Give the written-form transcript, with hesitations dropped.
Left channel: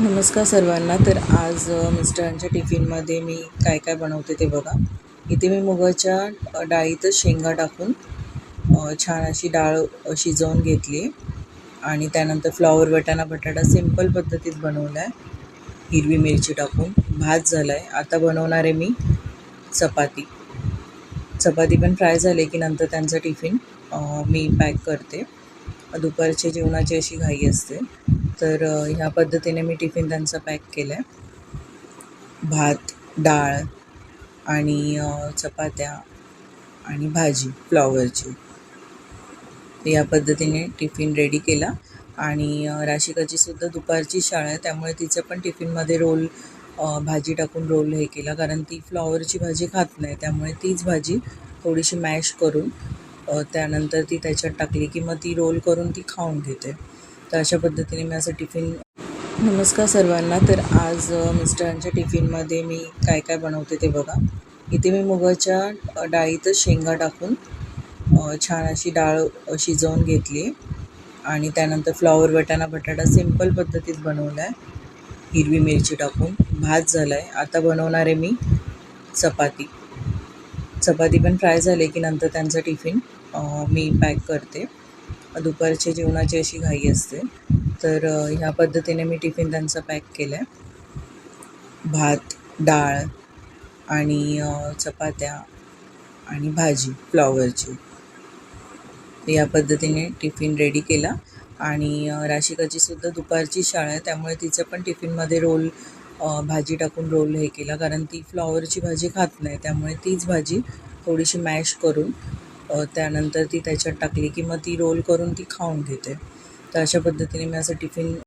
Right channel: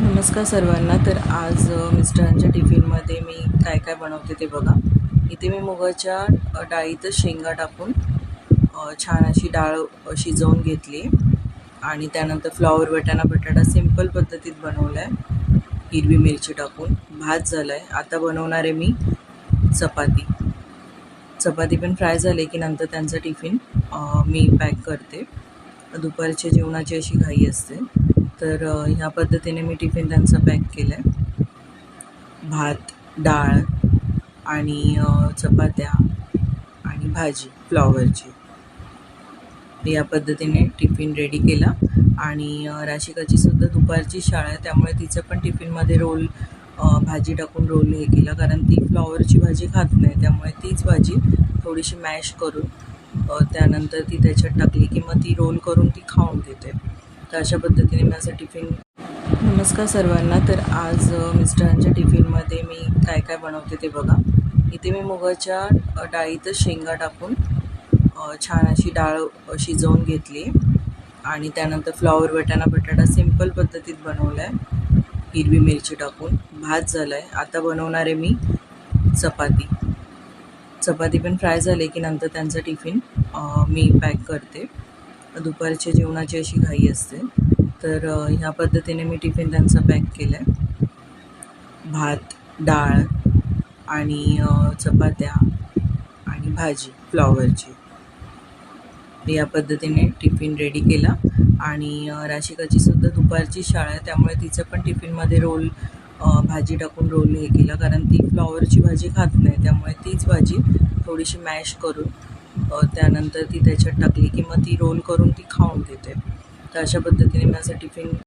नमस्कार सर्वांना. तर आज मिस्टरांच्या टिफिनमध्ये मी काय काय बनवते ते बघा. इथे मी मुगाच्या डाळीतच शेंगा टाकून छान अशी डाळ शिजवून घेतली आणि त्यानंतर फ्लॉवर वाटाणा बटाटा सिंपल पद्धतीत बनवला आहे, हिरवी मिरची टाकून. भात झाला आहे. आता बनवणार आहे मी चपाती. चपाती पण फ्राय झाले की नंतर त्यांचा टिफिन मी पॅक करते. दुपारच्या जेवणाची अशी घाई असते, तर ह्या पद्धतीने मी टिफिन त्यांचा पॅक केला आहे. भात, डाळ आणि चपात्या आणि भाजी फ्लॉवरची. या पद्धतीने टिफिन रेडी केला. आणि राशिकाचीसुद्धा दुपारची शाळा आहे, त्यामुळे तिचं पण टिफिनमध्ये रोल भाजी टाकून रोल हे केला, कारण ती फ्लॉवरची भाजी खात नाही. त्यामुळे तीच भाजी थोडीशी मॅश करून त्यानंतर ती त्याच्यात टाकली की मग ती रोल करून ती खाऊन घेते. तर अशा पद्धतीने मी असं टिफिन. नमस्कार सर्वांना. तर आज मिस्टरांच्या टिफिनमध्ये मी काय काय बनवते ते बघा. इथे मी मुगाच्या डाळीतच शेंगा टाकून छान अशी डाळ शिजवून घेतली आणि त्यानंतर फ्लॉवर वाटाणा बटाटा सिंपल पद्धतीत बनवला आहे, हिरवी मिरची टाकून. भात झाला आहे. आता बनवणार आहे मी चपाती. चपाती पण फ्राय झाले की नंतर त्यांचा टिफिन मी पॅक करते. दुपारच्या जेवणाची अशी घाई असते, तर ह्या पद्धतीने मी टिफिन त्यांचा पॅक केला आहे. भात, डाळ आणि चपात्या आणि भाजी फ्लॉवरची. या पद्धतीने टिफिन रेडी केला. आणि राशिकाचीसुद्धा दुपारची शाळा आहे, त्यामुळे तिचं पण टिफिनमध्ये रोल भाजी टाकून रोल हे केला, कारण ती फ्लॉवरची भाजी खात नाही. त्यामुळे तीच भाजी थोडीशी मॅश करून त्यानंतर ती त्याच्यात टाकली की मग ती रोल करून ती खाऊन घेते. तर अशा पद्धतीने मी असं टिफिन